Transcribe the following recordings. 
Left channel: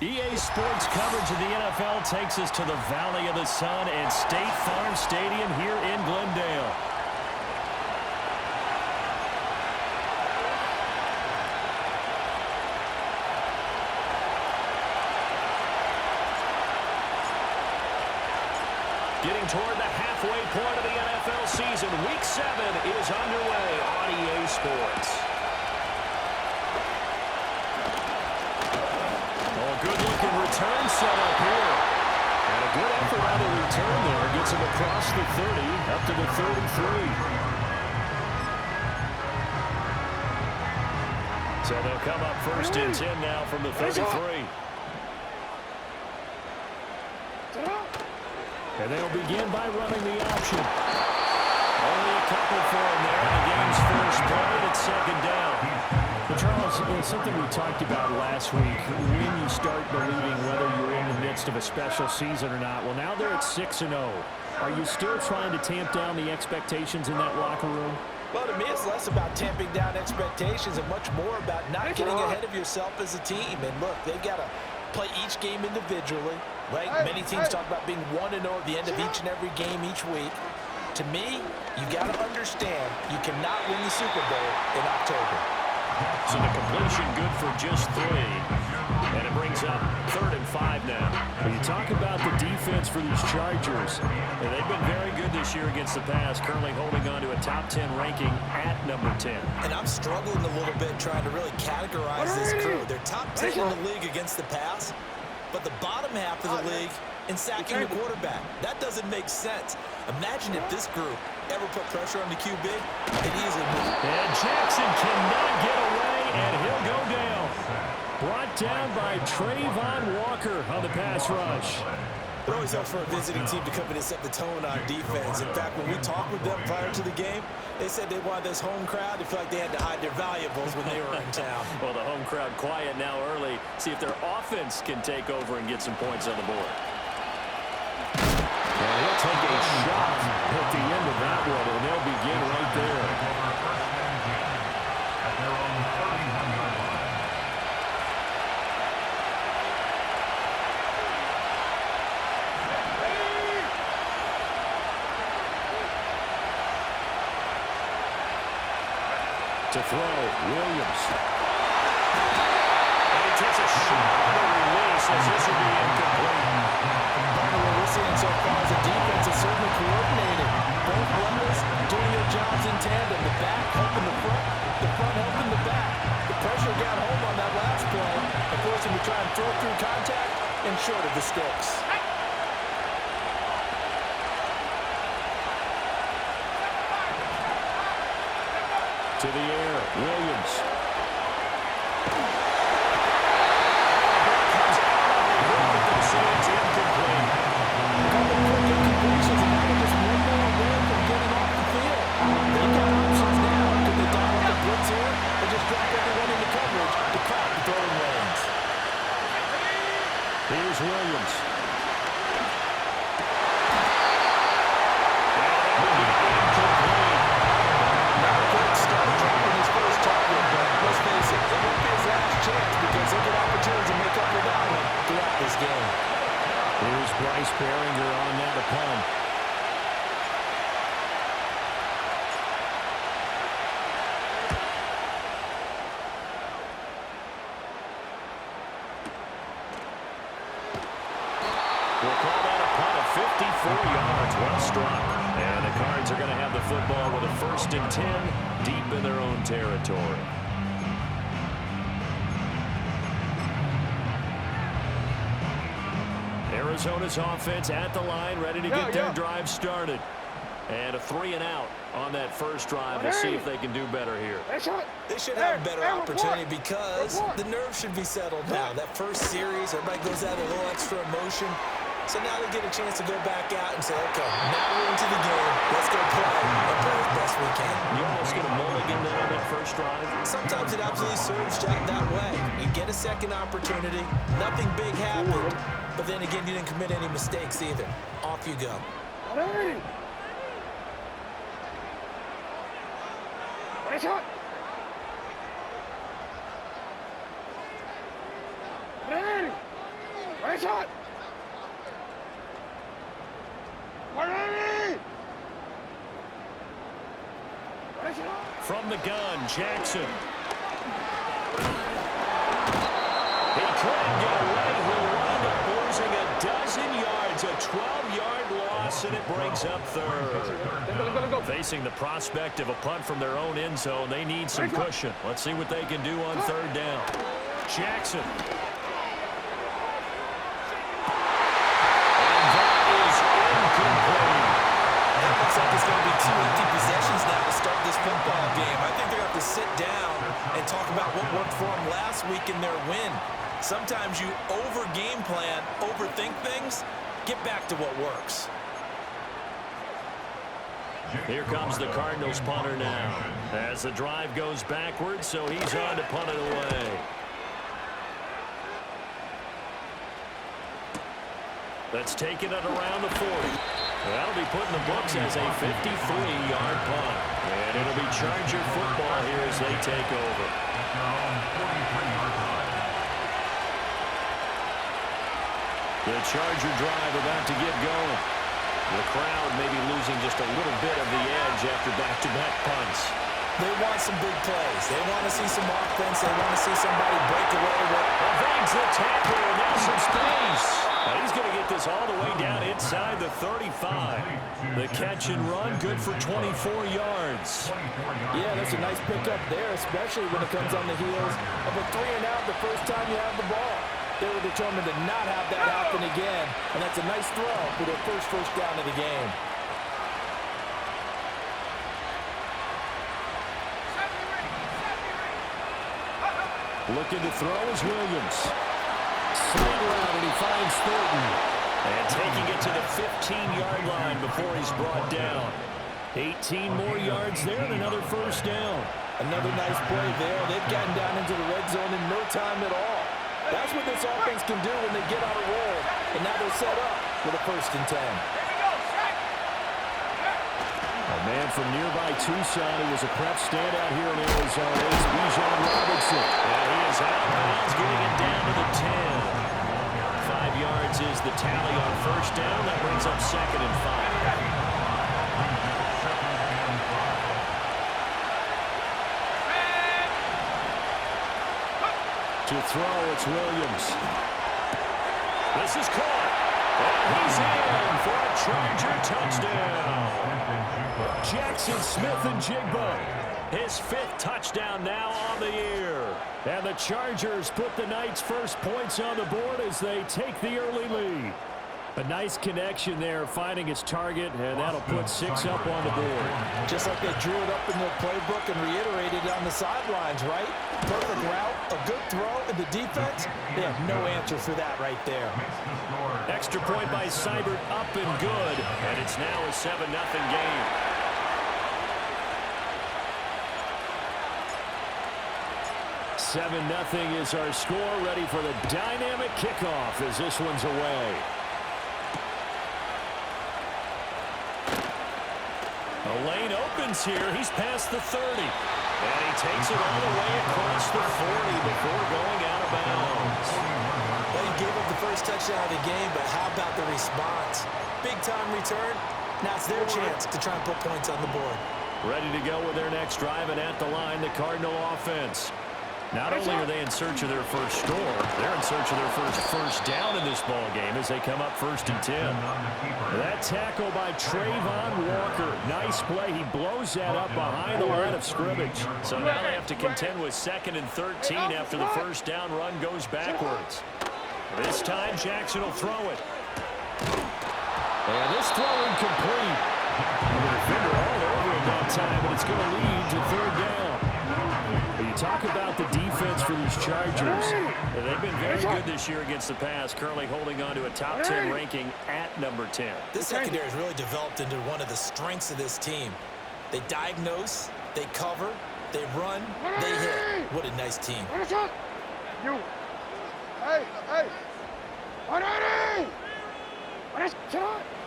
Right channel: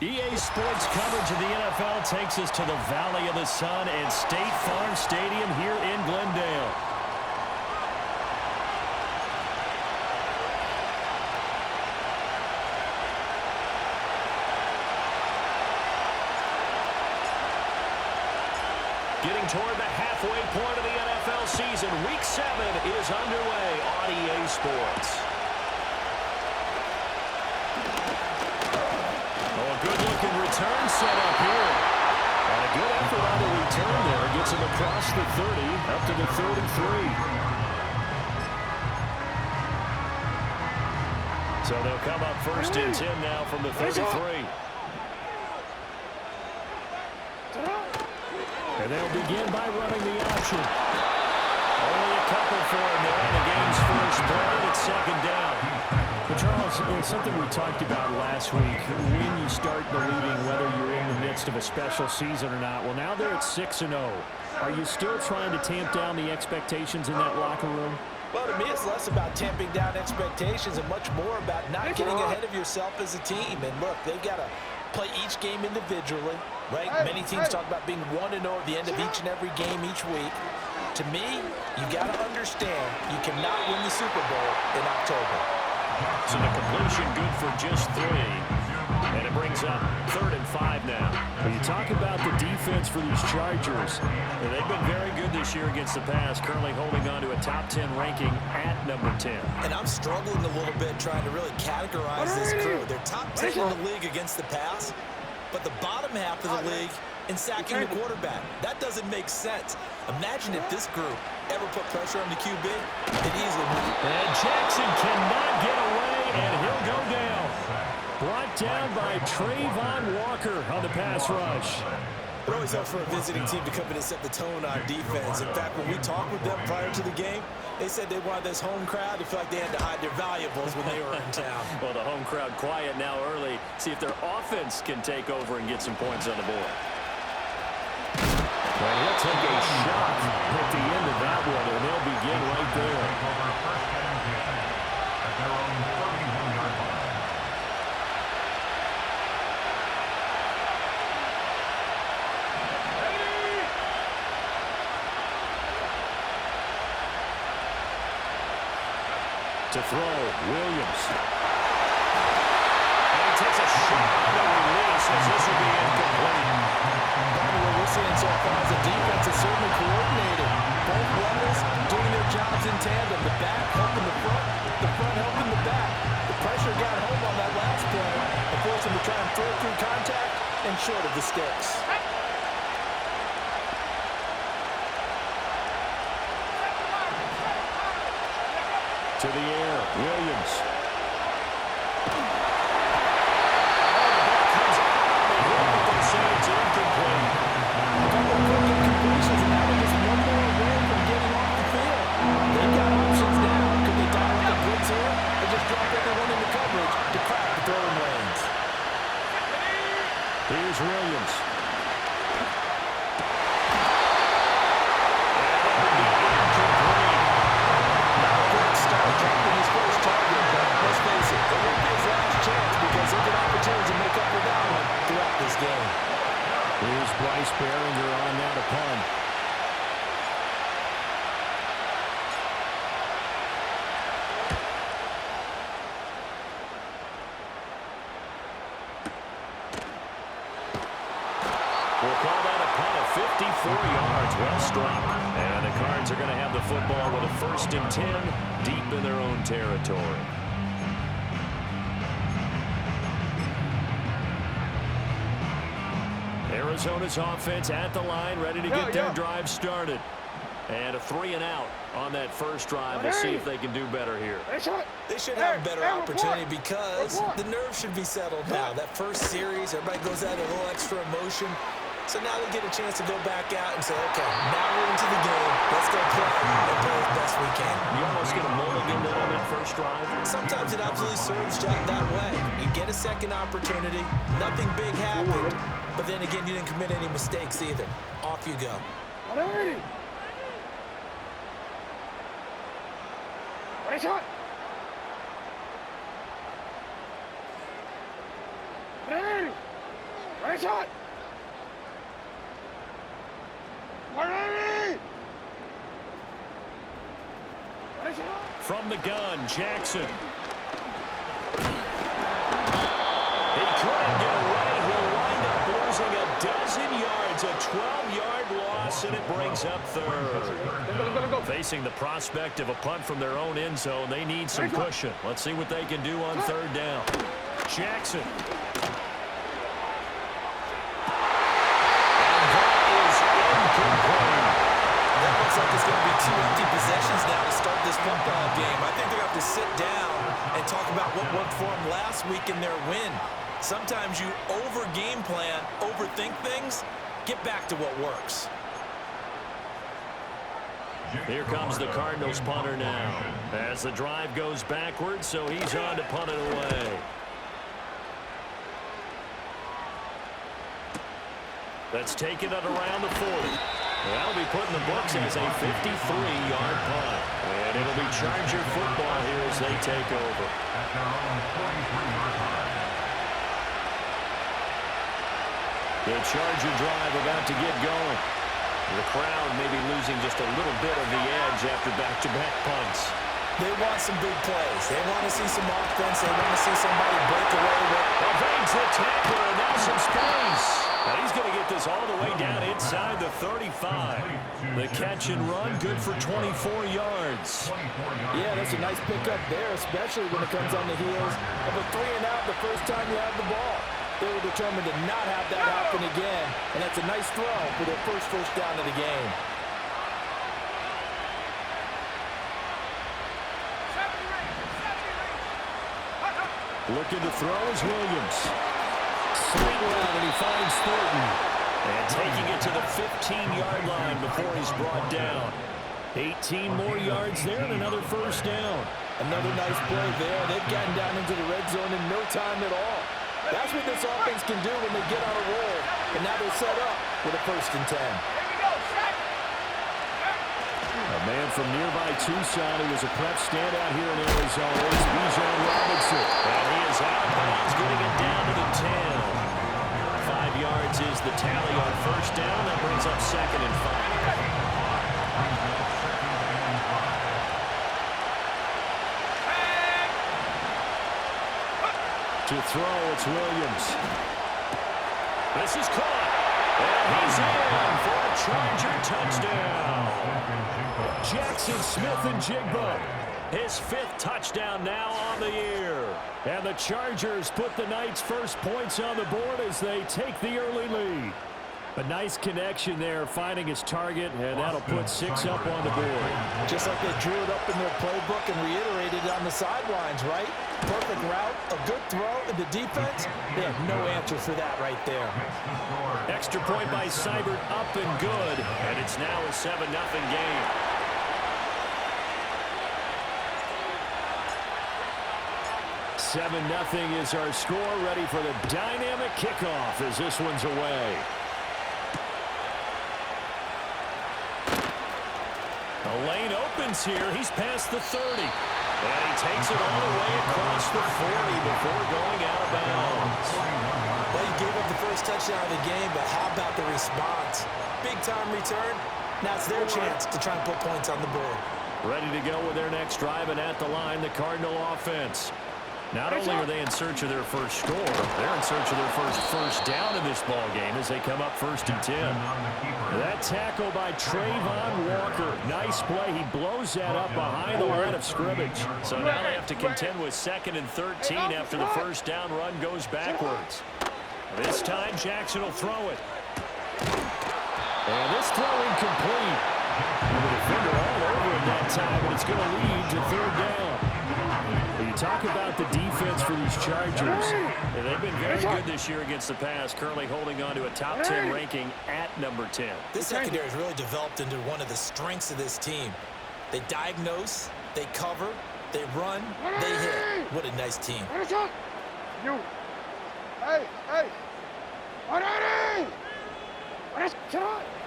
EA Sports coverage of the NFL takes us to the Valley of the Sun and State Farm Stadium here in Glendale. Getting toward the halfway point of the NFL season, Week 7 is underway on EA Sports. Oh, a good-looking return set up here. And a good effort on the return there. Gets him across the 30, up to the 33. So they'll come up first and 10 now from the 33. And they'll begin by running the option. Only a couple for him there in the game's first play, and it's second down. But Charles, it's something we talked about last week. When you start believing whether you're in the midst of a special season or not, well, now they're at 6-0. Are you still trying to tamp down the expectations in that locker room? Well, to me, it's less about tamping down expectations and much more about not getting ahead of yourself as a team. And look, they've got to play each game individually, right? Many teams talk about being 1-0 at the end of each and every game each week. To me, you got to understand you cannot win the Super Bowl in October. So the completion good for just 3. And it brings up 3rd and 5 now. When you talk about the defense for these Chargers, and they've been very good this year against the pass, currently holding on to a top 10 ranking at number 10. And I'm struggling a little bit trying to really categorize this crew. They're top 10 in the league against the pass, but the bottom half of the league in sacking the quarterback. That doesn't make sense. Imagine if this group ever put pressure on the QB, it easily moves. And Jackson cannot get away, and he'll go down. Brought down by Trayvon Walker on the pass rush. It always helps for a visiting team to come in and set the tone on defense. In fact, when we talked with them prior to the game, they said they wanted this home crowd to feel like they had to hide their valuables when they were in town. Well, the home crowd quiet now early. See if their offense can take over and get some points on the board. And he'll take a shot at the end of that one, and they'll begin right there. At their own 31-yard line. To throw, Williams. And he takes a shot on the release as this will be incomplete. Part of what we're seeing so far is the defense is certainly coordinated. Both levels doing their jobs in tandem. The back helping the front helping the back. The pressure got home on that last play and forced him to try and throw through contact and short of the sticks. To the air, Williams. Oh, the ball comes out on the hip, but they say it's incomplete. A couple quick incompletions, and now they're just one more away from getting off the field. They've got options now. Could they dial up the blitz here or just drop everyone into coverage to crowd the throwing lanes? Here's Williams. And that will be incomplete. Not a great start dropping his first target, but let's face it, it won't be his last chance because he'll get opportunities to make up for that one throughout this game. Here's Bryce Behringer on now to punt. We'll call that a punt of 54 yards. Well struck. And the Cards are going to have the football with a 1st and 10 deep in their own territory. Arizona's offense at the line, ready to get their drive started. And a 3-and-out on that first drive. We'll see if they can do better here. They should have a better opportunity because the nerves should be settled now. That first series, everybody goes out with a little extra emotion. So now they get a chance to go back out and say, okay, now we're into the game. Let's go play and play as best we can. You almost get a mulligan there on that first drive. Sometimes it absolutely serves that way. You get a second opportunity. Nothing big happened. But then again, you didn't commit any mistakes either. Off you go. Shot. Right shot. From the gun, Jackson. He couldn't get away. He'll wind up losing a dozen yards, a 12-yard loss, and it brings up third. Facing the prospect of a punt from their own end zone, they need some cushion. Let's see what they can do on third down. Jackson. And that is incomplete. That looks like it's going to be 2 empty possessions now to start this football game. I think they're going to have to sit down and talk about what worked for them last week in their win. Sometimes you over-game plan, overthink things. Get back to what works. Here comes the Cardinals punter now. As the drive goes backwards, so he's on to punt it away. Let's take it at around the 40. That'll be put in the books as a 53-yard punt. And it'll be Charger football here as they take over. At their own 43-yard line. The Charger drive about to get going. The crowd may be losing just a little bit of the edge after back-to-back punts. They want some big plays. They want to see some offense. They want to see somebody break away with. Evades the tackler, and now some space. Now he's going to get this all the way down inside the 35. The catch and run, good for 24 yards. Yeah, that's a nice pickup there, especially when it comes on the heels of a 3-and-out the first time you have the ball. They were determined to not have that happen again, and that's a nice throw for their first down of the game. Looking to throw is Williams. Slant route, and he finds Thornton. And taking it to the 15-yard line before he's brought down. 18 more yards there and another first down. Another nice play there. They've gotten down into the red zone in no time at all. That's what this offense can do when they get on a roll. And now they're set up with a 1st and 10. A man from nearby Tucson who was a prep standout here in Arizona is Bijan Robinson. And he is out of bounds, getting it down to the 10. 5 yards is the tally on first down. That brings up 2nd and 5. To throw, it's Williams. This is caught. And he's in for a Charger touchdown. Jackson Smith-Njigba, his 5th touchdown now on the year. And the Chargers put the Knights' first points on the board as they take the early lead. A nice connection there, finding his target, and that'll put 6 up on the board. Just like they drew it up in their playbook and reiterated it on the sidelines, right? Perfect route, a good throw, and the defense, they have no answer for that right there. Extra point by Seibert, up and good, and it's now a 7-0 game. "7-0 is our score, ready for the dynamic kickoff as this one's away. The lane opens here. He's past the 30. And he takes it all the way across the 40 before going out of bounds. Well, he gave up the first touchdown of the game, but how about the response? Big-time return. Now it's their chance to try and put points on the board. Ready to go with their next drive, and at the line, the Cardinal offense. Not only are they in search of their first score, they're in search of their first down in this ball game as they come up 1st and 10. That tackle by Trayvon Walker. Nice play. He blows that up behind the line of scrimmage. So now they have to contend with 2nd and 13 after the first down run goes backwards. This time, Jackson will throw it. And this throw incomplete. And the defender all over it that time, and it's going to lead to 3rd down. You talk about the defense for these Chargers. They've been very good this year against the pass, currently holding on to a top 10 ranking at number 10. This secondary has really developed into one of the strengths of this team. They diagnose, they cover, they run, they hit. What a nice team. You. Hey.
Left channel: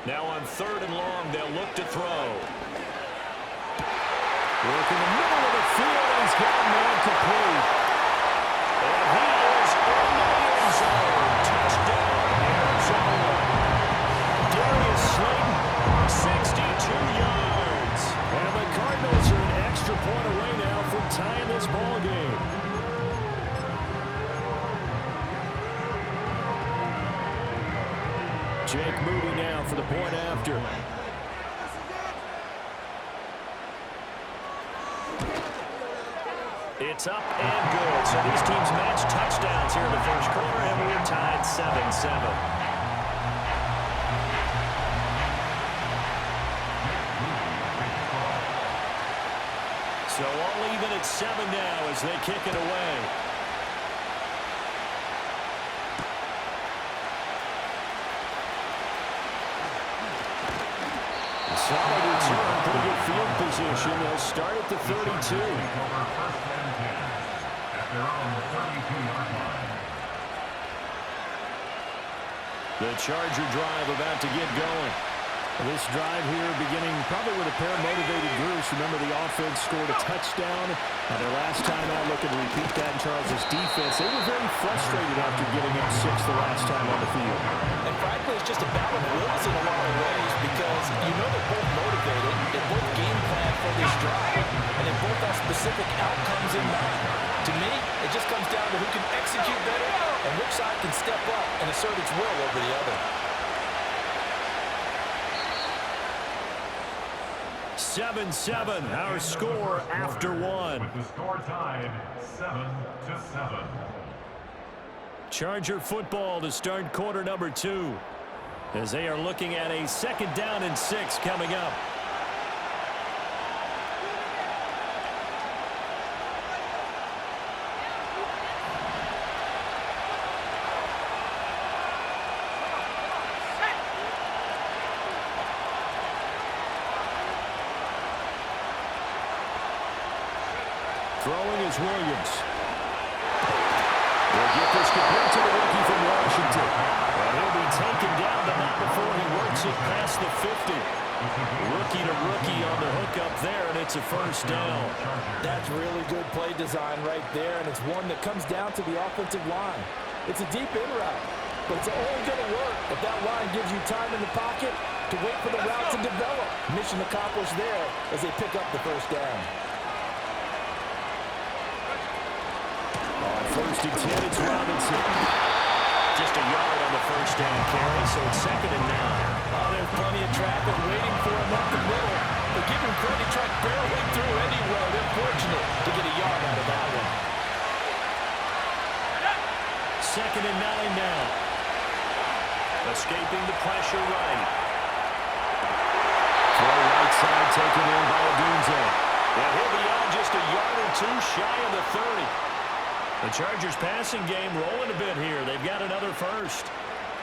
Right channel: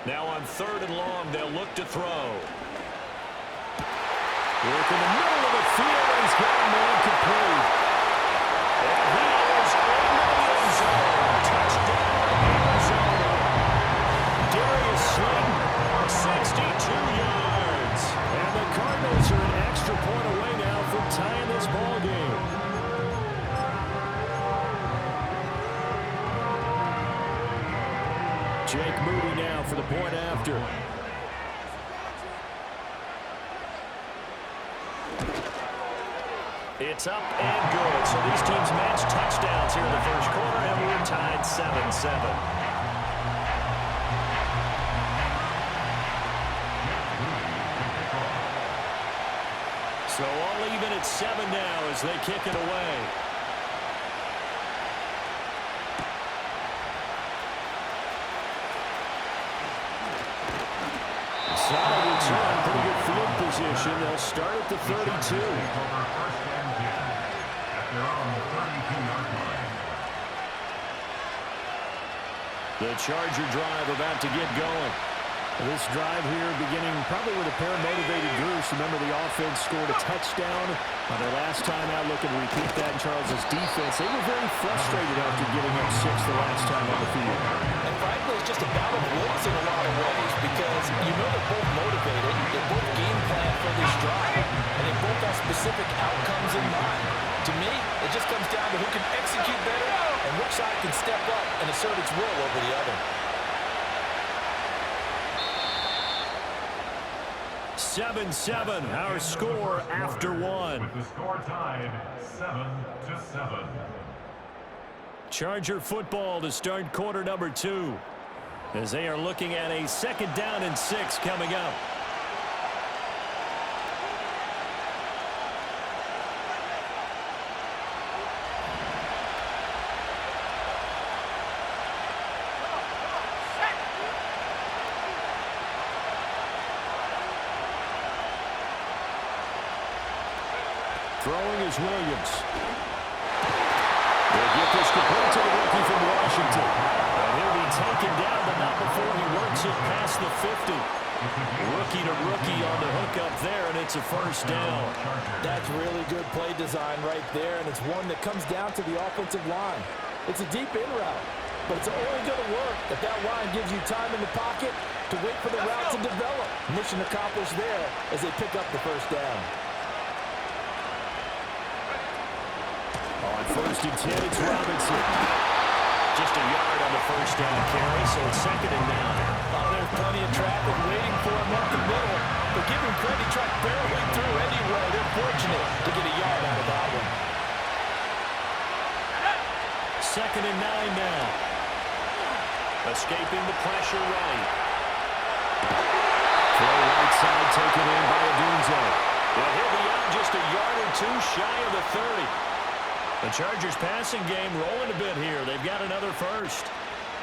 Now on 3rd and long, they'll look to throw. Work in the middle of the field, and he's got a man complete. And he is in the end zone. Touchdown, Jake Moody now for the point after. It's up and good. So these teams match touchdowns here in the first quarter, and we're tied 7-7. So all even at 7 now as they kick it away. Solid return, pretty good field position. They'll start at the 32. First and 10 at their own 32-yard line. The Charger drive about to get going. This drive here beginning probably with a pair of motivated groups. Remember, the offense scored a touchdown on their last time out. Looking to repeat that in Charles' defense. They were very frustrated after giving up 6 the last time on the field. And frankly, it's just a battle of wills in a lot of ways because you know they're both motivated. They both game plan for this drive, and they both have specific outcomes in mind. To me, it just comes down to who can execute better and which side can step up and assert its will over the other. 7-7, our score after one. With the score tied 7-7. Charger football to start quarter number 2 as they are looking at a 2nd down and 6 coming up. Throwing is Williams. They'll get this complete to the rookie from Washington. And he'll be taken down, but not before he works it past the 50. Rookie to rookie on the hook up there, and it's a first down. That's really good play design right there, and it's one that comes down to the offensive line. It's a deep in route, but it's only going to work if that line gives you time in the pocket to wait for the route to develop. Mission accomplished there as they pick up the first down. On 1st and 10, it's Robinson. Just a yard on the first down carry, so it's 2nd and 9. Oh, there's plenty of traffic waiting for him up the middle. But give him credit, he tried barreling through anyway. They're fortunate to get a yard out of that one. 2nd and 9 now. Escaping the pressure right. Throw right side taken in by Odunze. And he'll be out just a yard or 2 shy of the 30. The Chargers passing game rolling a bit here. They've got another first.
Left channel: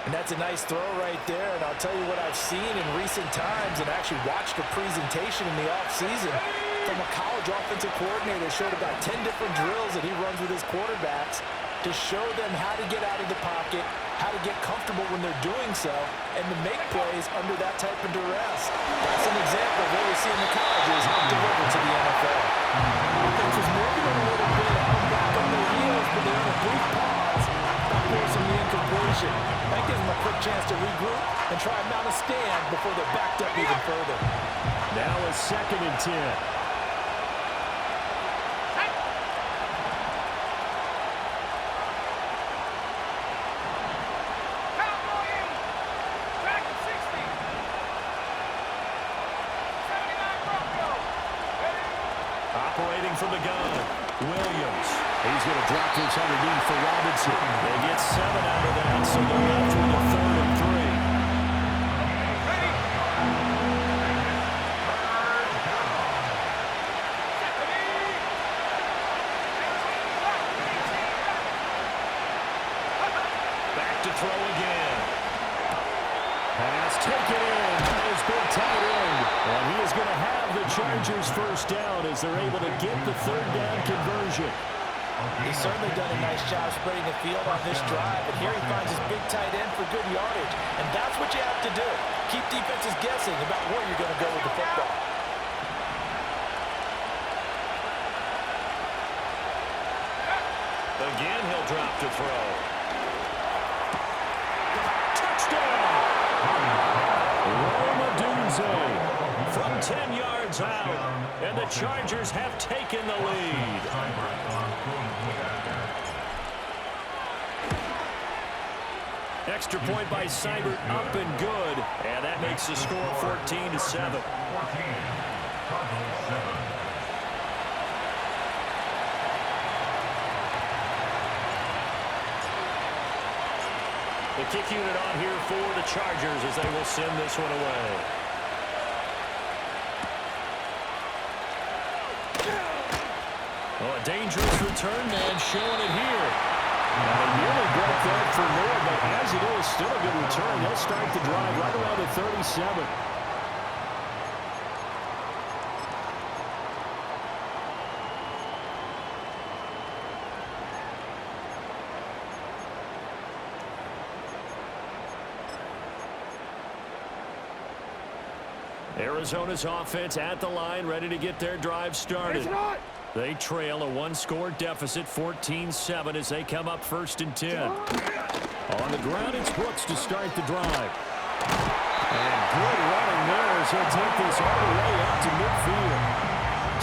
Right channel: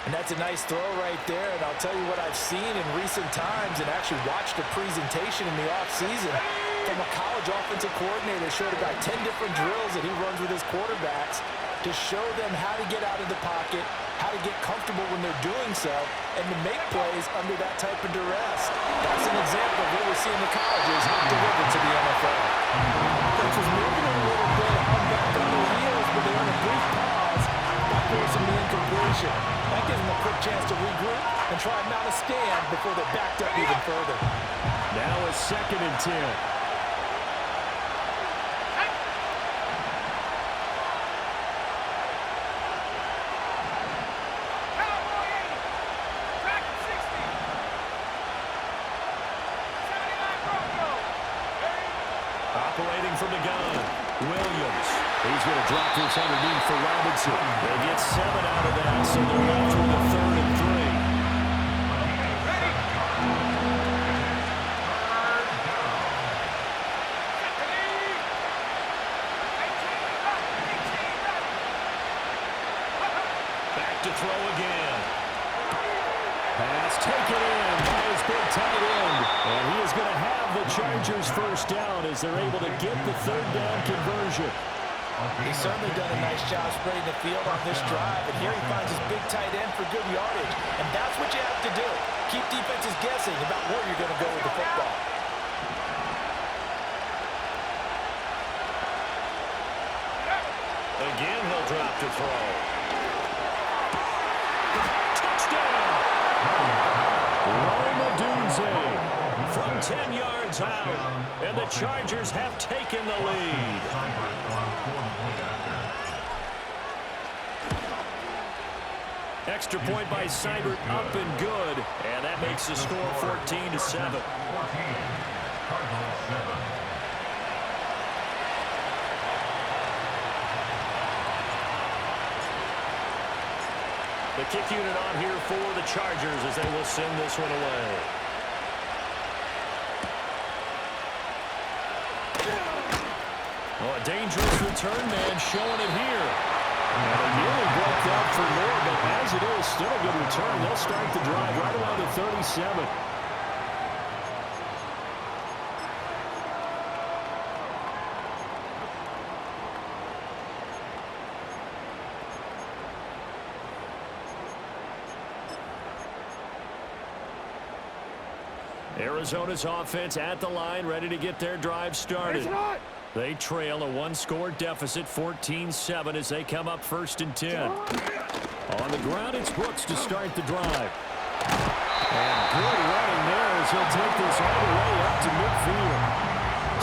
And that's a nice throw right there. And I'll tell you what I've seen in recent times and actually watched a presentation in the offseason from a college offensive coordinator that showed about 10 different drills that he runs with his quarterbacks to show them how to get out of the pocket, how to get comfortable when they're doing so, and to make plays under that type of duress. That's an example of what we see in the colleges delivered to the NFL. Offense was moving a little bit, held back on their heels, but they earned a brief pause by forcing the incompletion. That gives them a quick chance to regroup and try and mount a stand before they're backed up even further. Now a 2nd and 10. Operating from the gun, Williams. He's going to drop this underneath for Robinson. They get 7 out of that, so they're left with a 3rd and 3. Ready? Back to throw again. Pass taken in by his big tight end. And he is going to have the Chargers first down as they're able to get the 3rd down conversion. He's certainly done a nice job spreading the field on this drive, and here he finds his big tight end for good yardage. And that's what you have to do. Keep defenses guessing about where you're going to go with the football. Again, he'll drop to throw. Touchdown! Rome Odunze from 10 yards out, and the Chargers have taken the lead. Extra point by Seibert, up and good. And that makes the score 14-7. 14. Cardinals 7. The kick unit on here for the Chargers as they will send this one away. Oh, a dangerous return man showing it here. Now, they nearly broke that for more, but as it is, still a good return. They'll start the drive right around the 37. Arizona's offense at the line, ready to get their drive started. They trail a one-score deficit, 14-7, as they come up 1st and 10. On the ground, it's Brooks to start the drive. And good running there as he'll take this all the way up to midfield.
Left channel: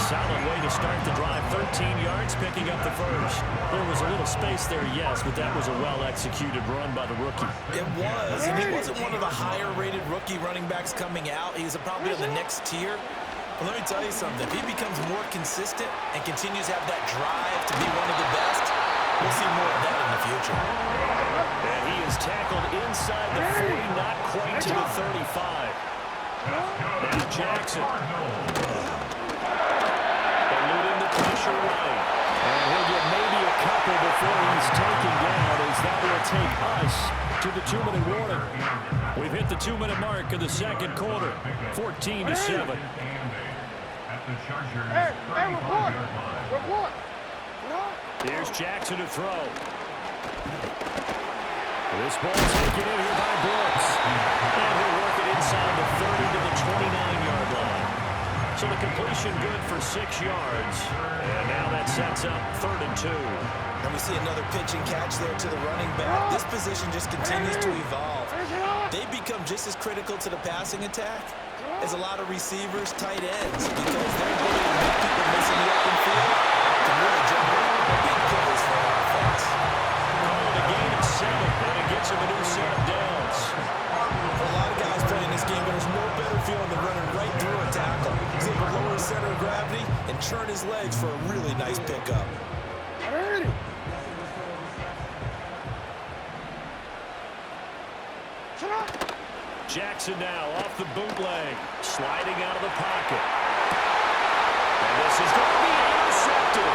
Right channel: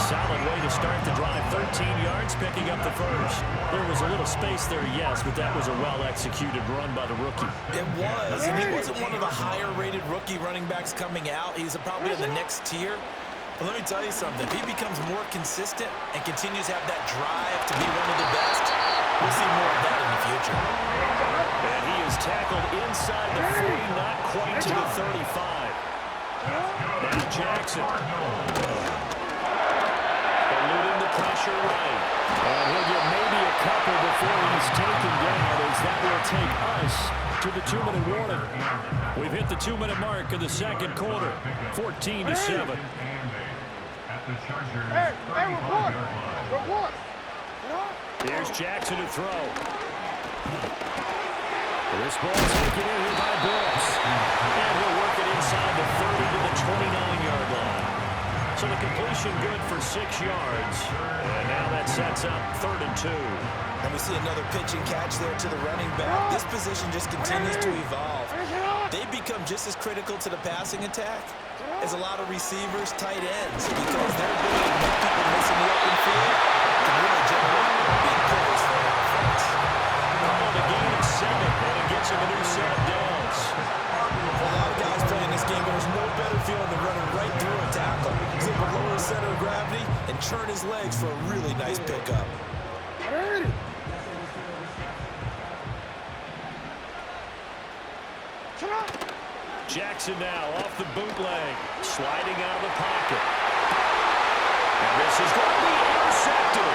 Solid way to start the drive, 13 yards, picking up the first. There was a little space there, yes, but that was a well-executed run by the rookie. It was, and he wasn't one of the higher-rated rookie running backs coming out. He's probably in the next tier. But let me tell you something. If he becomes more consistent and continues to have that drive to be one of the best, we'll see more of that in the future. And he is tackled inside the 40, not quite to the 35. Now Jackson. Eluding the pressure right. And he'll get maybe a couple before he's taken down, as that will take us to the 2-minute warning. We've hit the 2-minute mark of the second quarter, 14-7. At the Chargers, Hey, 35-yard line. report. Here's Jackson to throw. This ball taken in here by Brooks. And he'll work it inside the 30 to the 29-yard line. So the completion good for 6 yards. And now that sets up 3rd and 2. And we see another pitch and catch there to the running back. This position just continues to evolve. They become just as critical to the passing attack as a lot of receivers, tight ends, because their ability to make people miss in the open field can really generate big plays for our offense. Calling a gain of 7, and it gets him a new set of downs. For a lot of guys playing this game, there's no better feeling than running right through a tackle. He's able to lower his center of gravity and turn his legs for a really nice pickup. Jackson now off the bootleg, sliding out of the pocket. And this is going to be intercepted.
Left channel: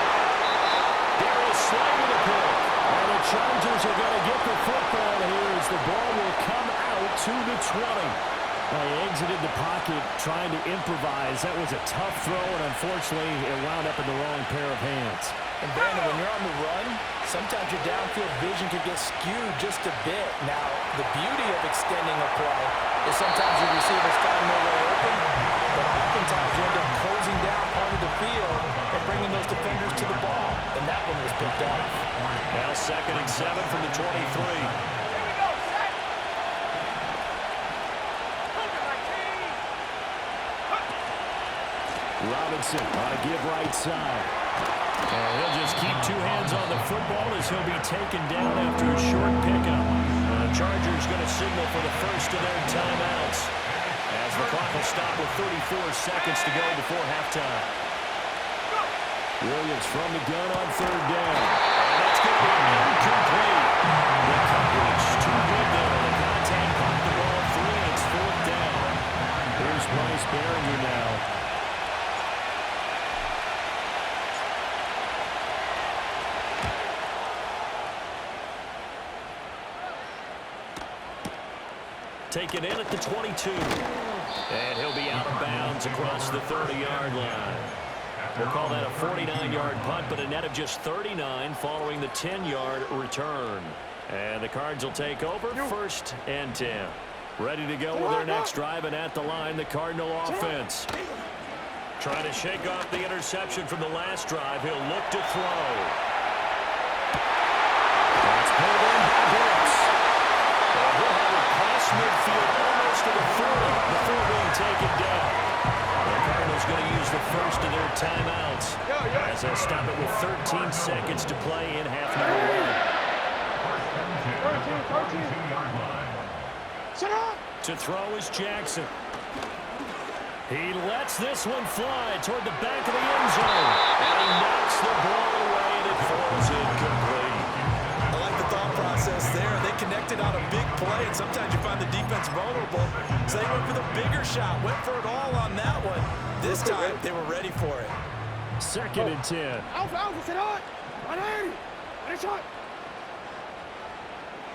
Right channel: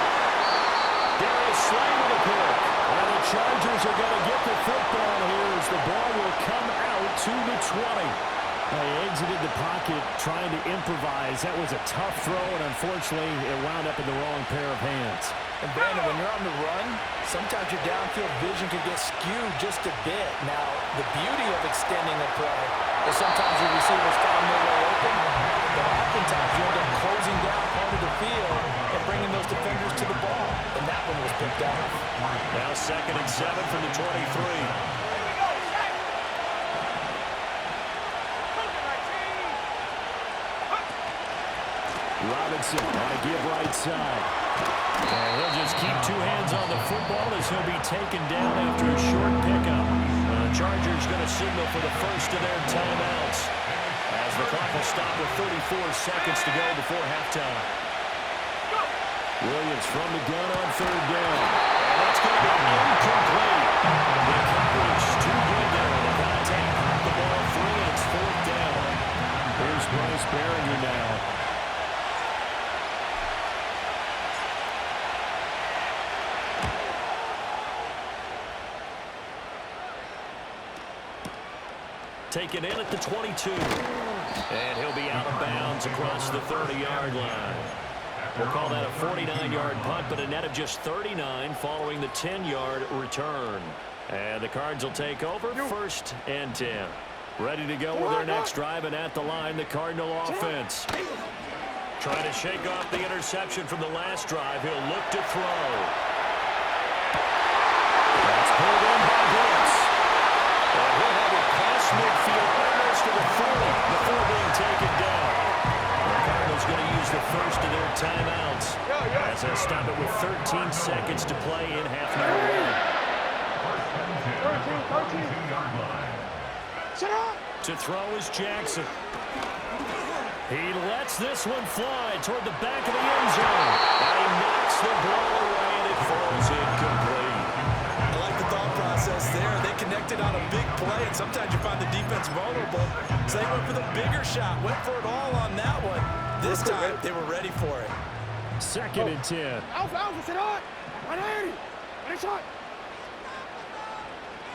Darius Slay with a pick. And the Chargers are going to get the football here as the ball will come out to the 20. They exited the pocket trying to improvise. That was a tough throw, and unfortunately, it wound up in the wrong pair of hands. And Brandon, when you're on the run, sometimes your downfield vision could get skewed just a bit. Now, the beauty of extending a play is sometimes your receivers find their way open, but oftentimes you end up closing down part of the field and bringing those defenders to the ball. And that one was picked off. Now 2nd and 7 from the 23. Robinson on a give right side. And he'll just keep 2 hands on the football as he'll be taken down after a short pickup. The Chargers going to signal for the first of their timeouts as the clock will stop with 34 seconds to go before halftime. Williams from the gun on 3rd down. And that's going to be incomplete. The coverage too good there. The contact popped the ball free, and it's 4th down. Here's Bryce Behringer now. Taken in at the 22. And he'll be out of bounds across the 30-yard line. We'll call that a 49-yard punt, but a net of just 39 following the 10-yard return. And the Cards will take over 1st and 10. Ready to go with their next drive, and at the line, the Cardinal offense. Trying to shake off the interception from the last drive. He'll look to throw. That's pulled in by Brooks. And he'll have it past midfield, almost to the 40 before being taken down. The Cardinals going to use the first of their timeouts as they stop it with 13 seconds to play in half number 1. 13. To throw is Jackson. He lets this one fly toward the back of the end zone. And he knocks the ball away, and it falls incomplete. I like the thought process there. They connected on a big play, and sometimes you find the defense vulnerable. So they went for the bigger shot, went for it all on that one. This time, they were ready for it. 2nd and 10. Alfa, sit on. 180. Ready shot.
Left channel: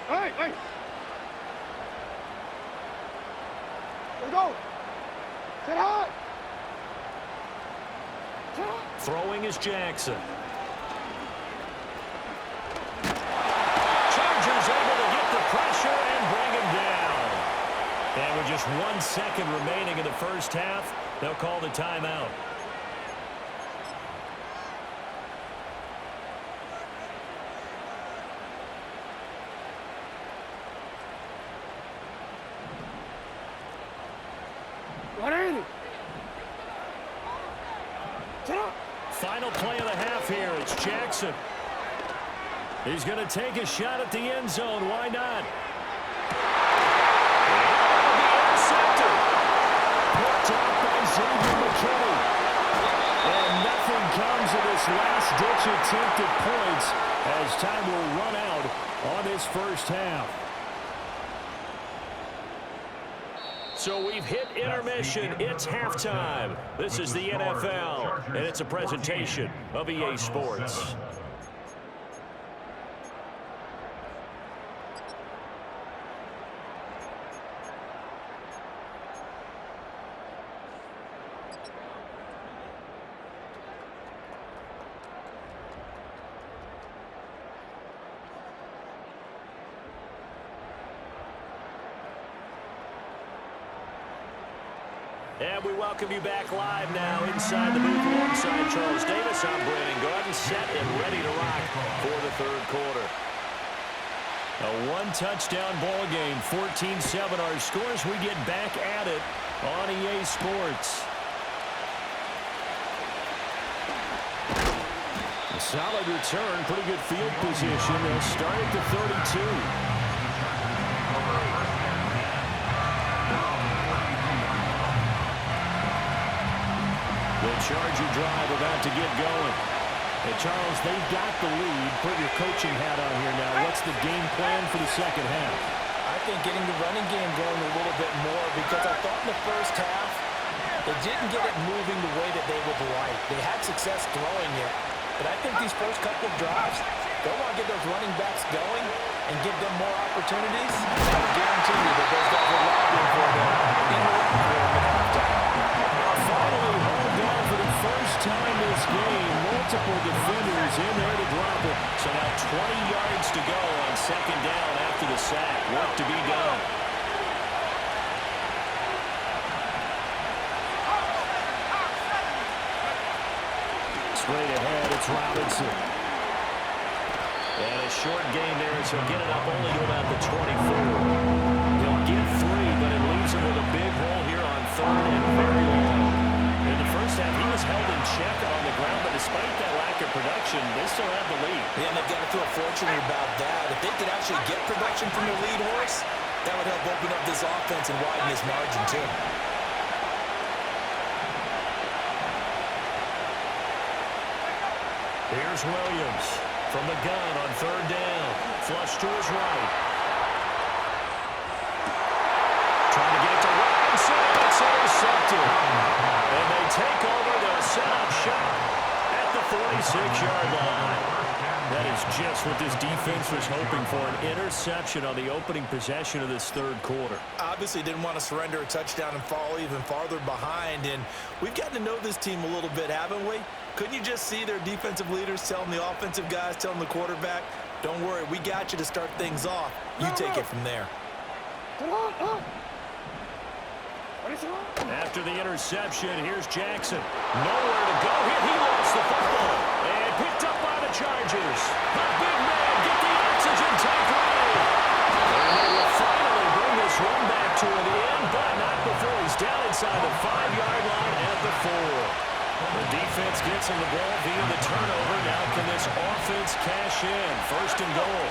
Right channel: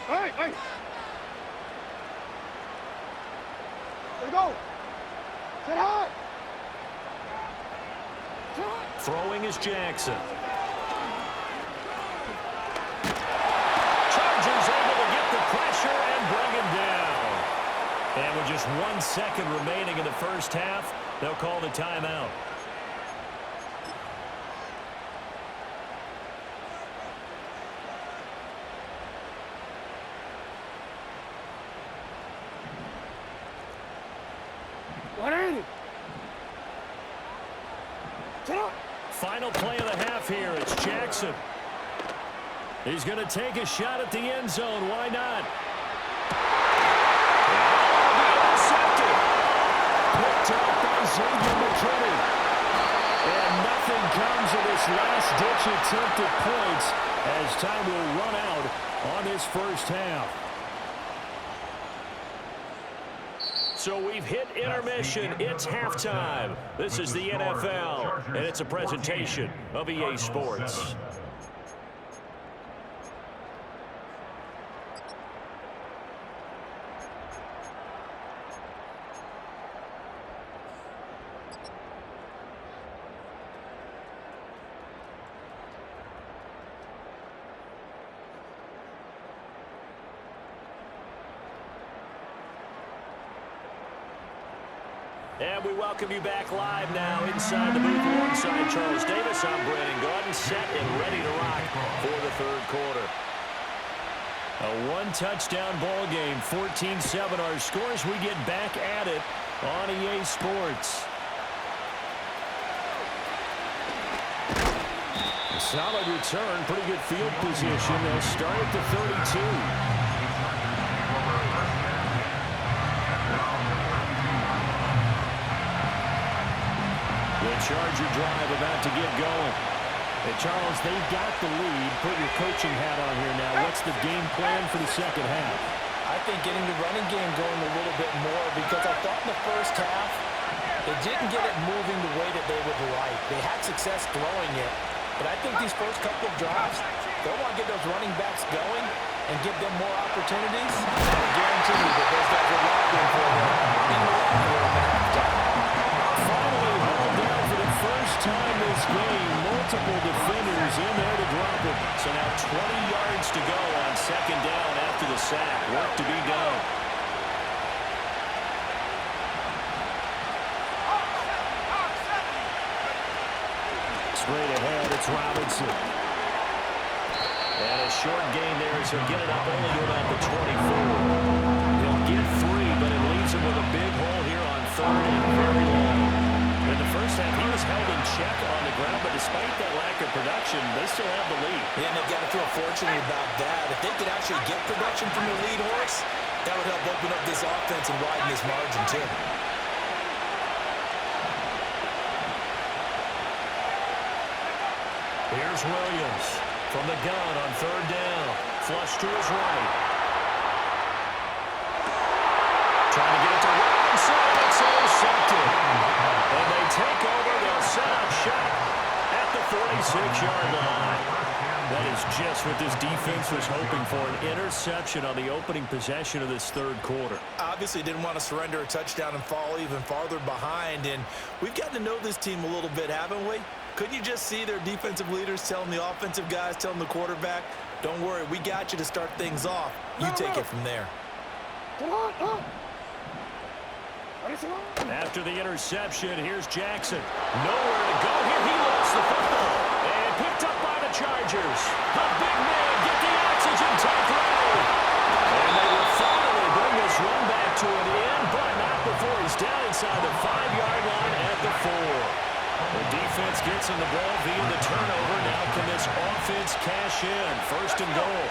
Hey. Let's go. Sit high. Throwing is Jackson. Chargers able to get the pressure and bring him down. And with just 1 second remaining in the first half, they'll call the timeout. Final play of the half here. It's Jackson. He's going to take a shot at the end zone. Why not? And it'll be intercepted. Picked off by Xavier McKinney. And nothing comes of this last-ditch attempt at points as time will run out on this first half. So we've hit intermission. It's halftime. This is the NFL, and it's a presentation of EA Sports. And we welcome you back live now inside the booth alongside Charles Davis. I'm Brandon Gordon, set and ready to rock for the third quarter. A one-touchdown ball game, 14-7 our scores. We get back at it on EA Sports. A solid return, pretty good field position. They'll start at the 32. The Charger drive about to get going. Hey, Charles, they've got the lead. Put your coaching hat on here now. What's the game plan for the second half? I think getting the running game going a little bit more, because I thought in the first half they didn't get it moving the way that they would like. They had success throwing it, but I think these first couple of drives, they'll want to get those running backs going and give them more opportunities. And I guarantee you that those guys are lobbying for them in the locker room at halftime. Finally hauled down for the first time this game. Multiple defenders in there to drop it. So now 20 yards to go on second down after the sack. Work to be done. Straight ahead, it's Robinson. And a short gain there as he'll get it up only to about the 24. He'll get 3, but it leaves him with a big hole here on third and very long. In the first half, he was held in check on the ground, but despite that lack of production, they still have the lead. Yeah, and they've got to feel fortunate about that. If they could actually get production from their lead horse, that would help open up this offense and widen this margin too. Here's Williams from the gun on third down. Flush to his right. Trying to get it to Robinson. It's intercepted. And they take over. They'll set up shop at the 46-yard line. That is just what this defense was hoping for, an interception on the opening possession of this third quarter. Obviously didn't want to surrender a touchdown and fall even farther behind. And we've gotten to know this team a little bit, haven't we? Couldn't you just see their defensive leaders telling the offensive guys, telling the quarterback, don't worry, we got you to start things off. You take it from there. After the interception, here's Jackson. Nowhere to go here. He lost the football. And picked up by the Chargers. The big man, get the oxygen tank ready. And they will finally bring this run back to an end, but not before he's down inside the 5-yard line at the 4. The defense gets him the ball via the turnover. Now can this offense cash in? First and goal.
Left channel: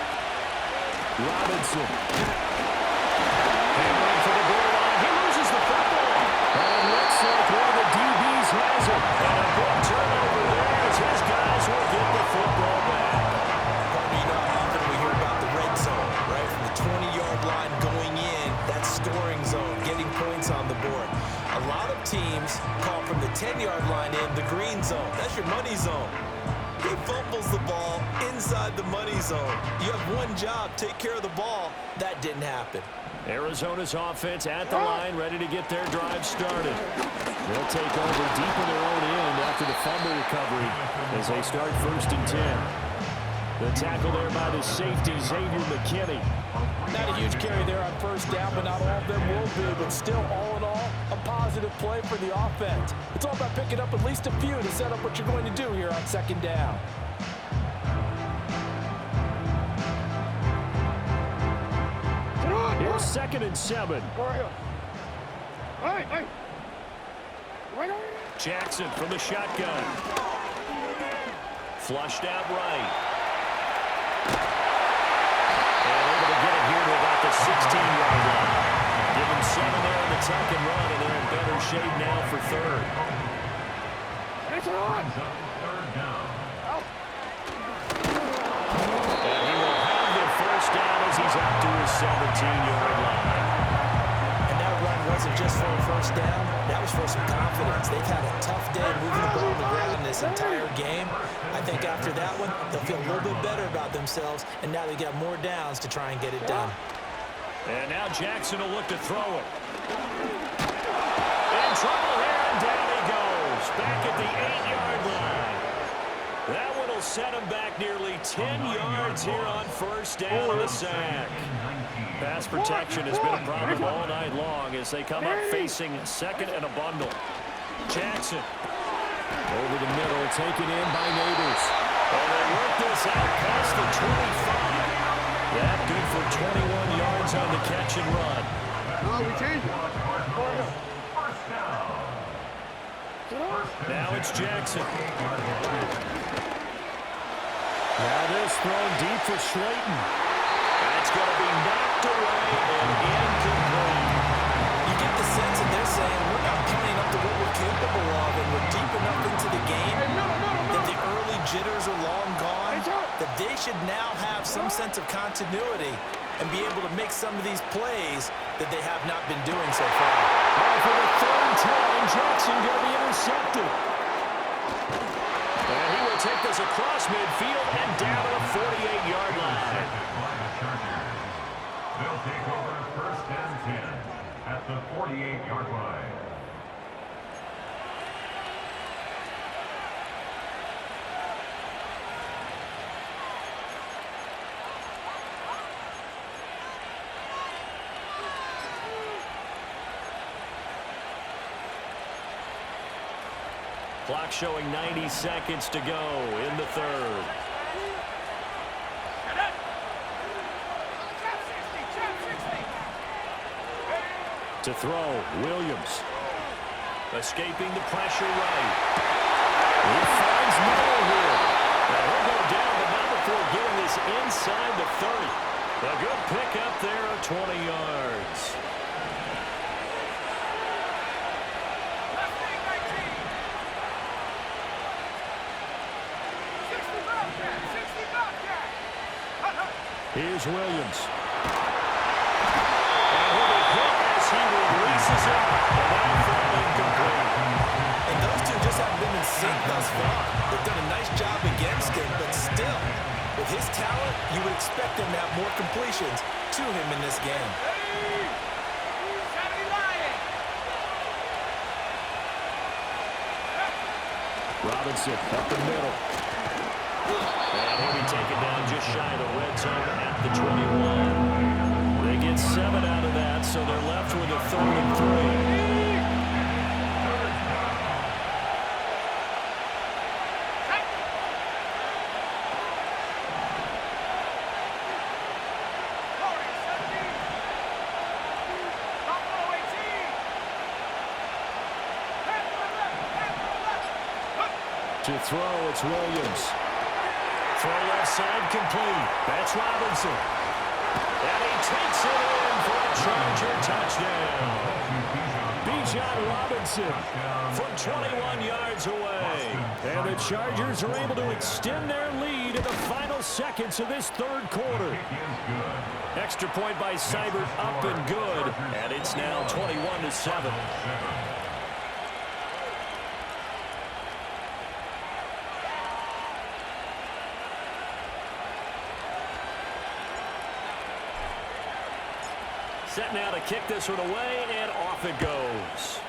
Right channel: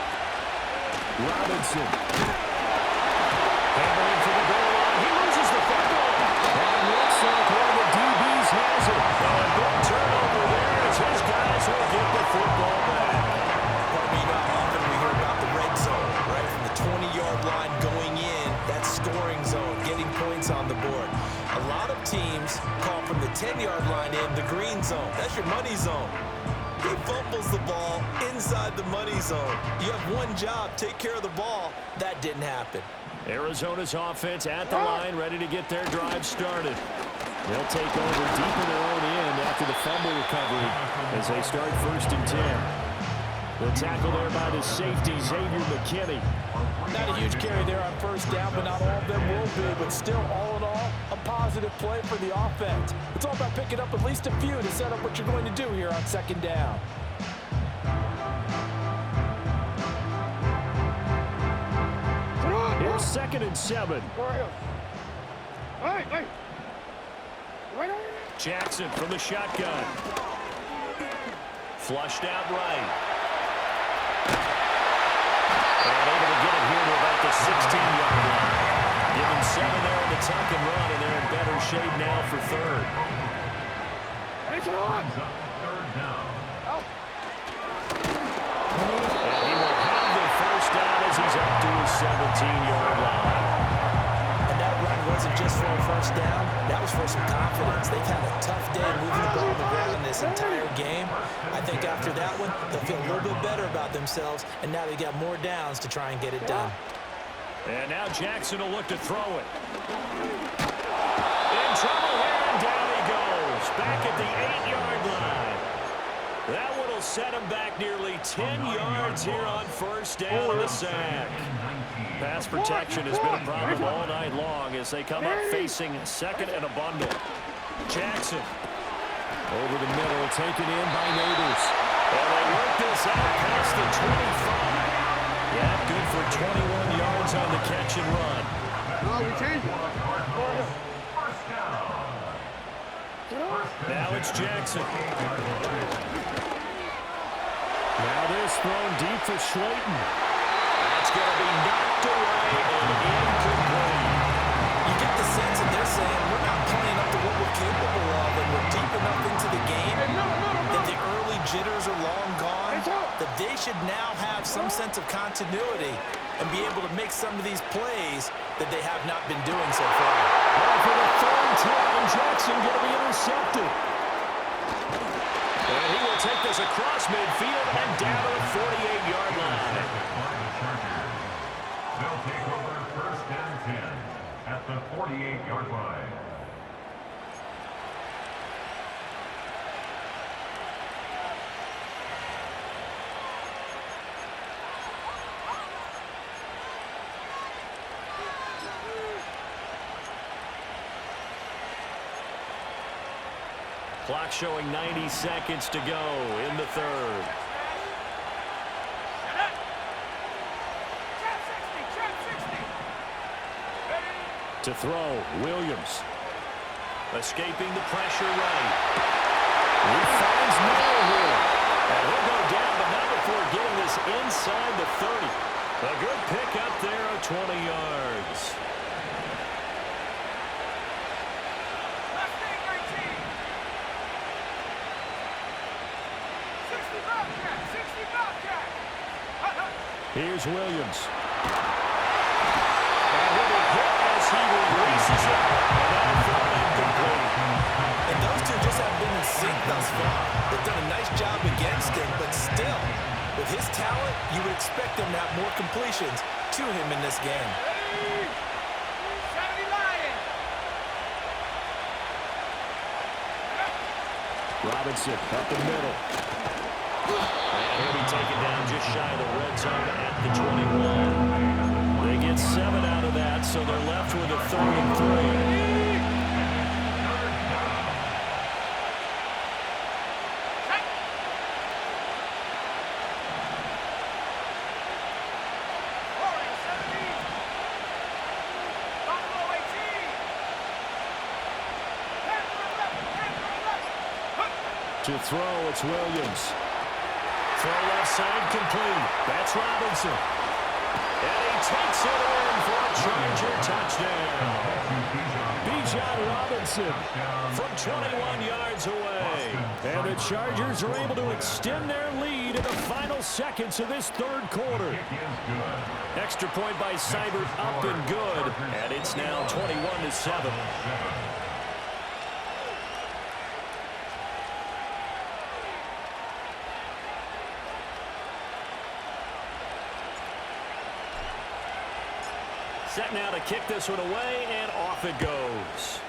Robinson. Hammering points on the board. A lot of teams call from the 10-yard line in the green zone. That's your money zone. He fumbles the ball inside the money zone. You have one job, take care of the ball. That didn't happen. Arizona's offense at the line, ready to get their drive started. They'll take over deep in their own end after the fumble recovery as they start 1st and 10. The tackle there by the safety, Xavier McKinney. Not a huge carry there on 1st down, but not all of them will be. But still, all in all, a positive play for the offense. It's all about picking up at least a few to set up what you're going to do here on 2nd down. Here's 2nd and 7. Hey. Right over here. Jackson from the shotgun. Flushed out right. And able to get it here to about the 16-yard line. Give him 7 there on the tuck and run, and they're in better shape now for 3rd. It's on. And he will have the 1st down as he's up to his 17-yard line. And that run wasn't just for a 1st down. That was for some confidence. They've had a tough day moving the ball on the ground this entire game. I think after that one, they'll feel a little bit better about themselves, and now they got more downs to try and get it done. And now Jackson will look to throw it. In trouble here, and down he goes. Back at the 8-yard line. That one will set him back nearly 10 yards here on 1st down on the sack. Pass protection has been a problem all night long as they come up facing 2nd and a bundle. Jackson over the middle, taken in by Neighbors. And they work this out past the 25. Yeah, good for 21 yards on the catch and run. No, we changed it. Now it's Jackson. Now this thrown deep for Slayton. That's going to be knocked away and incomplete. You get the sense that they're saying we're not playing up to what we're capable of, and we're deep enough into the game that the early jitters are long gone, that they should now have some sense of continuity and be able to make some of these plays that they have not been doing so far. Well, for the 3rd time, Jackson going to be intercepted. And he will take this across midfield and down to the 48-yard line. They'll take over 1st and 10 at the 48-yard line. Clock showing 90 seconds to go in the 3rd. To throw, Williams. Escaping the pressure right. He finds Miller here. And he'll go down, but not before getting this inside the 30. A good pick up there of 20 yards. Here's Williams. And he'll be hit as he releases it, and that'll throw incomplete. And those two just haven't been in sync thus far. They've done a nice job against him, but still, with his talent, you would expect him to have more completions to him in this game. Robinson up the middle. And he'll be taken down just shy of the red zone at the 21. They get 7 out of that, so they're left with a 3rd and 3. To throw, it's Williams. Throw left side complete. That's Robinson. And he takes it in for a Charger touchdown. Bijan Robinson From 21 yards away. And the Chargers are able to extend their lead in the final seconds of this third quarter. Extra point by Seibert, up and good. And it's now 21-7. Set now to kick this one away, and off it goes.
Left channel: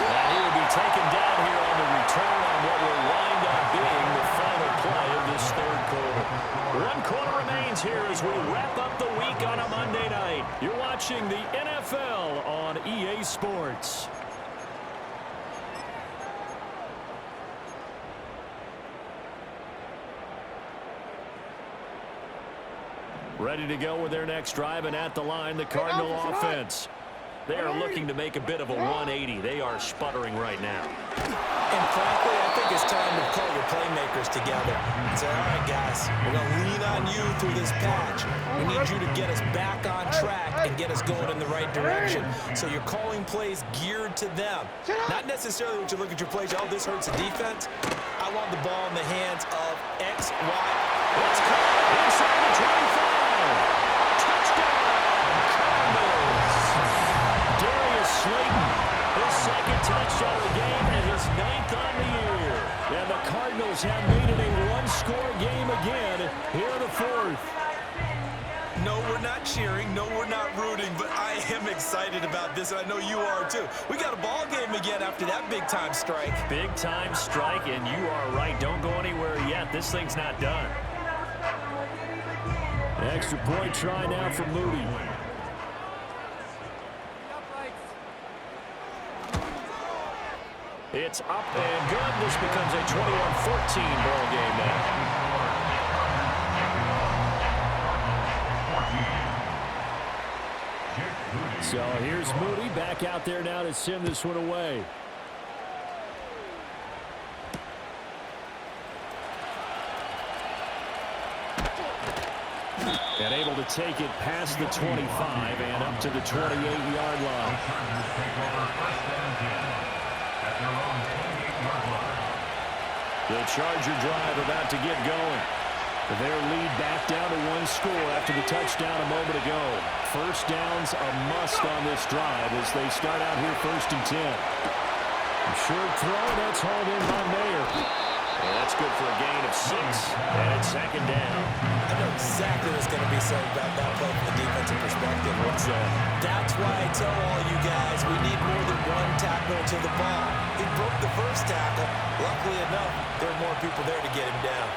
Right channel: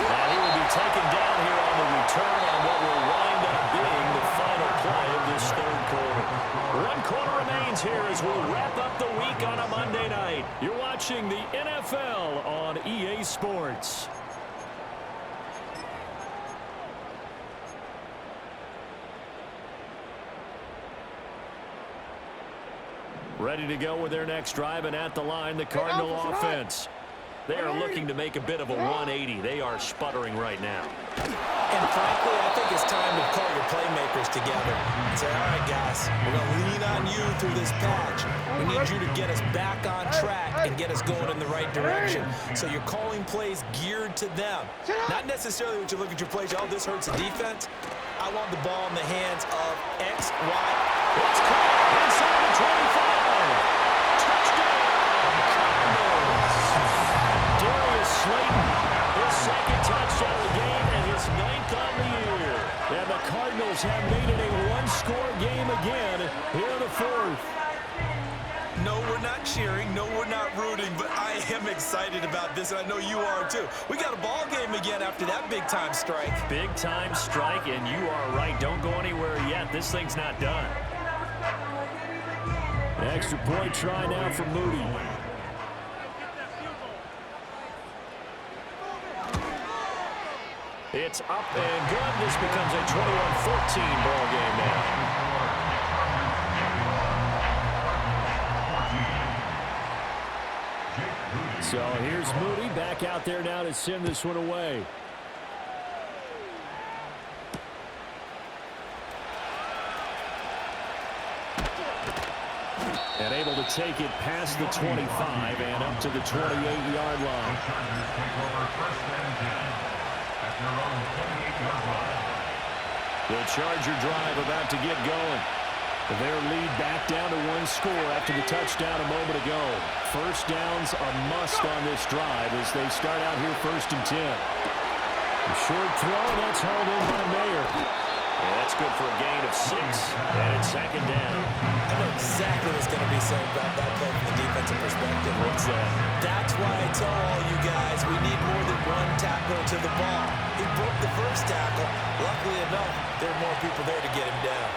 And he will be taken down here on the return on what will wind up being the final play of this third quarter. 1 quarter remains here as we wrap up the week on a Monday night. You're watching the NFL on EA Sports. Ready to go with their next drive, and at the line, the Cardinal offense. They are looking to make a bit of a 180. They are sputtering right now. And frankly, I think it's time to call your playmakers together and say, all right, guys, we're going to lean on you through this patch. We need you to get us back on track and get us going in the right direction. So you're calling plays geared to them. Not necessarily when you look at your plays, oh, this hurts the defense. I want the ball in the hands of X, Y. It's caught inside the 25. Touchdown, Cardinals. Darius Slayton, His second touchdown of the game and his 9th on the year. and the Cardinals have made it a one-score game again here in the fourth. No, we're not cheering. No, we're not rooting, but I am excited about this, and I know you are too. We got a ball game again after that big-time strike. Big-time strike, and you are right. Don't go anywhere yet. This thing's not done. Extra point try now for Moody. It's up and good. This becomes a 21-14 ball game now. So here's Moody back out there now to send this one away. And able to take it past the 25 and up to the 28-yard line. The Charger drive about to get going. Their lead back down to one score after the touchdown a moment ago. First down's a must on this drive as they start out here 1st and 10. A short throw, and that's hauled in by Mayer. And that's good for a gain of 6, and it's 2nd down. I know exactly what's going to be said about that play from the defensive perspective. What's that? That's why I tell all you guys we need more than one tackle to the ball. He broke the first tackle. Luckily enough, there were more people there to get him down.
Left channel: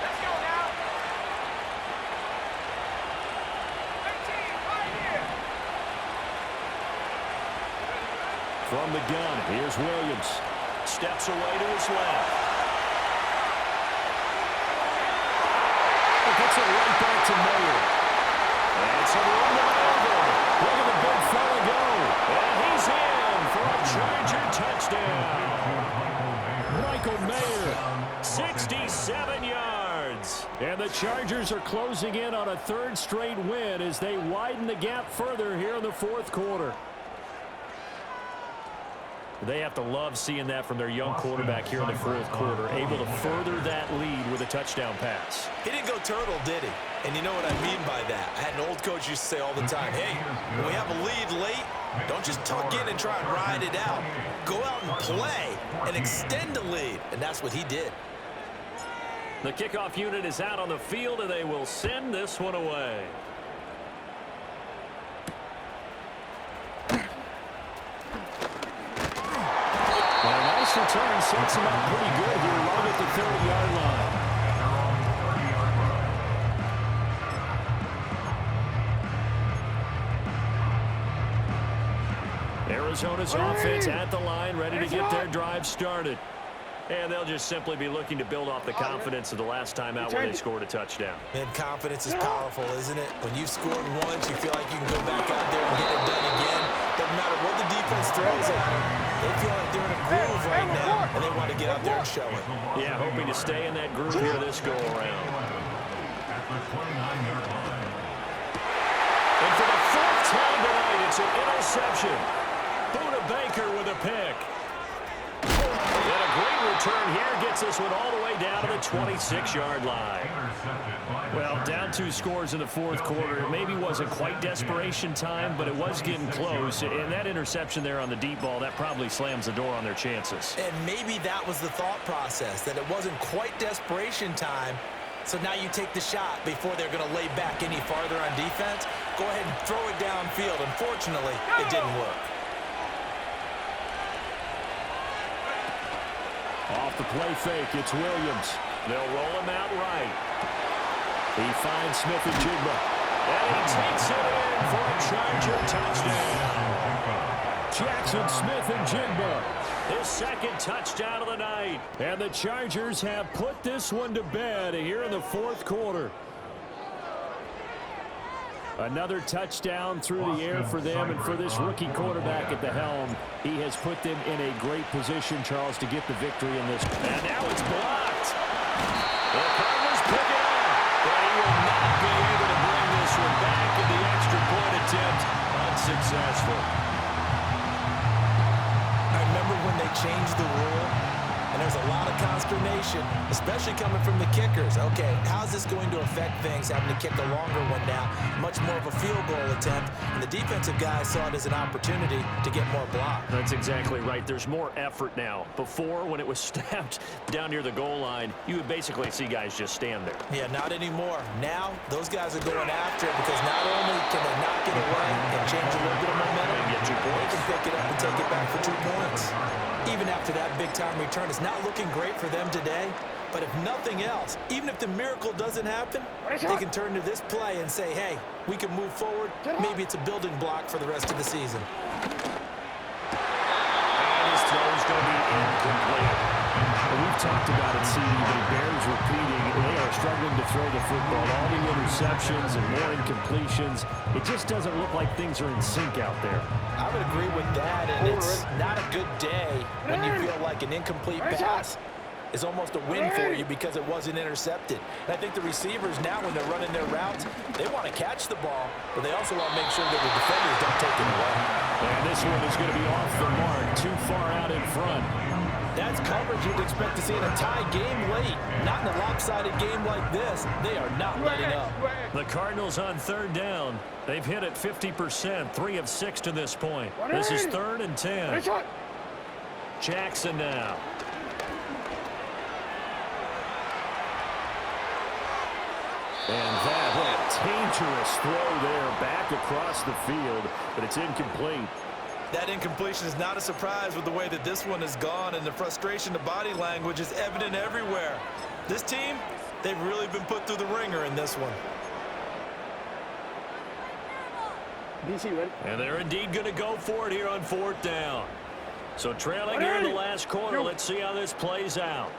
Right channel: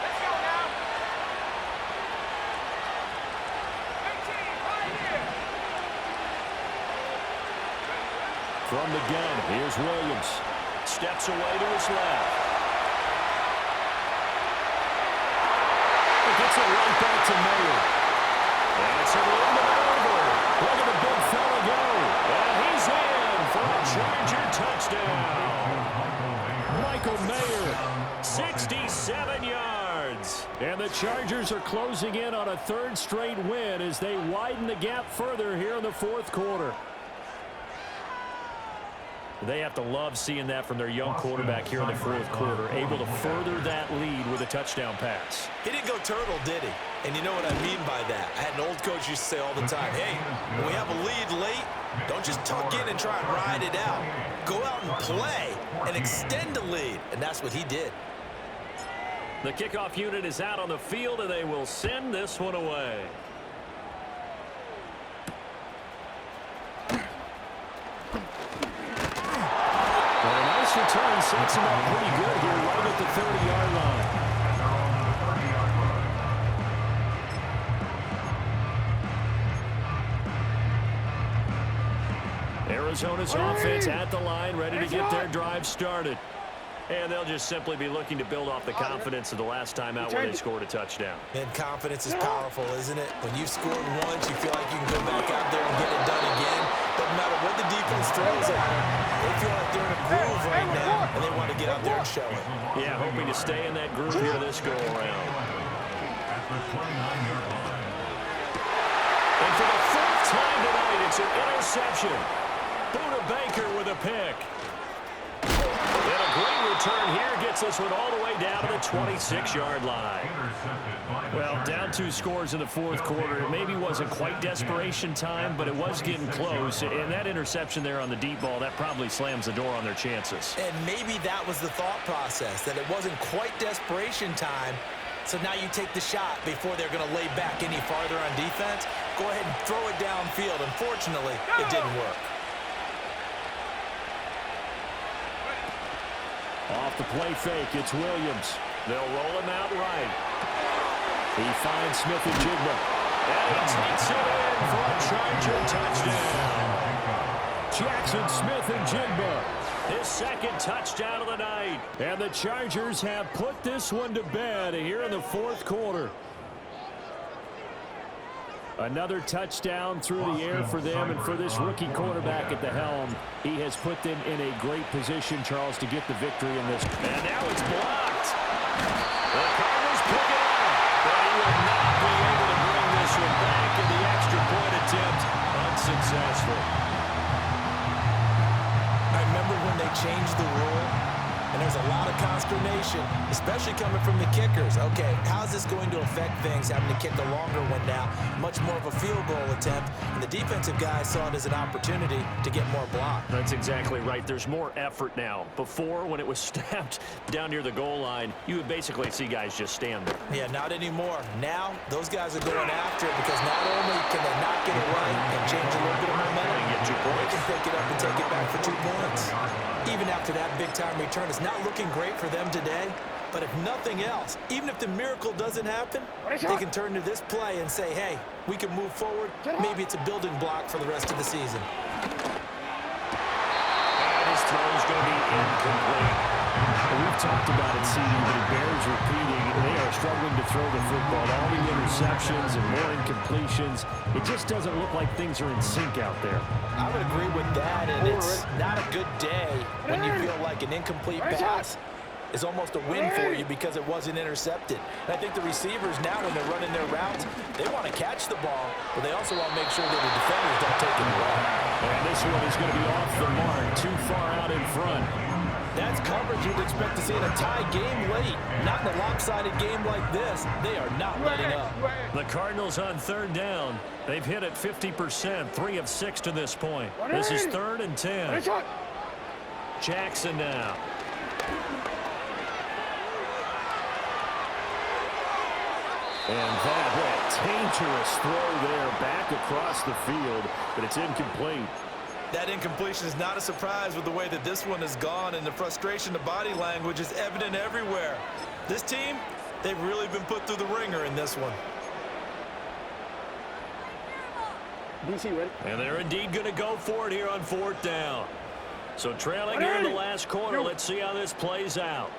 Let's go now. 18, right here. From the gun, here's Williams. Steps away to his left. Gets it right back to Mayer. And it's a room to maneuver. Look at the big fella go. And he's in for a Charger touchdown. Michael Mayer. 67 yards. And the Chargers are closing in on a 3rd straight win as they widen the gap further here in the 4th quarter. They have to love seeing that from their young quarterback here in the 4th quarter, able to further that lead with a touchdown pass. He didn't go turtle, did he? And you know what I mean by that. I had an old coach used to say all the time, hey, when we have a lead late, don't just tuck in and try and ride it out. Go out and play and extend the lead. And that's what he did. The kickoff unit is out on the field, and they will send this one away. But a nice return sets him up pretty good here right at the 30-yard line. Arizona's offense at the line, ready to get their drive started. And they'll just simply be looking to build off the confidence of the last time out where they scored a touchdown. And confidence is powerful, isn't it? When you've scored once, you feel like you can go back out there and get it done again. Doesn't matter what the defense throws at them. They feel like they're in a groove right now, and they want to get out there and show it. Yeah, hoping to stay in that groove here this go-around. At the 29-yard line. And for the fourth time tonight, it's an interception. Buda Baker with a pick. And a great return here gets this one all the way down to the 26-yard line. Well, down 2 scores in the fourth quarter. It maybe wasn't quite desperation time, but it was getting close. And that interception there on the deep ball, that probably slams the door on their chances. And maybe that was the thought process, that it wasn't quite desperation time. So now you take the shot before they're going to lay back any farther on defense. Go ahead and throw it downfield. Unfortunately, it didn't work. Off the play fake, it's Williams. They'll roll him out right. He finds Smith and Jigba. And he takes it in for a Charger touchdown. Jackson Smith and Jigba. His second touchdown of the night. And the Chargers have put this one to bed here in the fourth quarter. Another touchdown through the air for them, and for this rookie quarterback at the helm, he has put them in a great position, Charles, to get the victory in this. And now it's blocked. The Cardinals pick it up, but he will not be able to bring this one back, and the extra point attempt unsuccessful. I remember when they changed the rule, and there's a lot of consternation, especially coming from the kickers. Okay, how's this going to affect things, having to kick a longer one now? Much more of a field goal attempt, and the defensive guys saw it as an opportunity to get more block. That's exactly right. There's more effort now. Before, when it was snapped down near the goal line, you would basically see guys just stand there. Yeah, not anymore. Now, those guys are going after it because not only can they knock it away and change a little bit of momentum, They get 2 points. they can pick it up and take it back for 2 points. Even after that big-time return, it's not looking great for them today. But if nothing else, even if the miracle doesn't happen, they can turn to this play and say, hey, we can move forward. Maybe it's a building block for the rest of the season. And his throw is going to be incomplete. Well, we've talked about it, CD, but it bears repeating. They are struggling to throw the football. All the interceptions and more incompletions. It just doesn't look like things are in sync out there. I would agree with that, and it's not a good day when you feel like an incomplete pass is almost a win for you because it wasn't intercepted. And I think the receivers now, when they're running their routes, they want to catch the ball, but they also want to make sure that the defenders don't take it away. And this one is going to be off the mark, too far out in front. That's coverage you'd expect to see in a tie game late. Not in a lopsided game like this. They are not letting up. The Cardinals on third down. They've hit it 50%, 3 of 6 to this point. This is 3rd and 10. Jackson now. And that went dangerous throw there back across the field, but it's incomplete. That incompletion is not a surprise with the way that this one has gone, and the frustration, the body language is evident everywhere. This team, they've really been put through the ringer in this one. And they're indeed going to go for it here on 4th down. So trailing here in the last quarter, let's see how this plays out.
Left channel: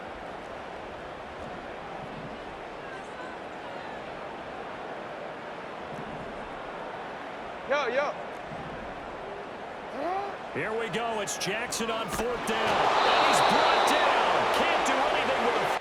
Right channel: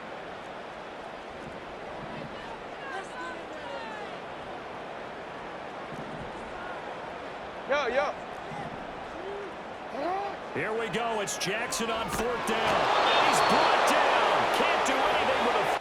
Yo. Here we go. It's Jackson on 4th down. And he's brought down. Can't do anything with a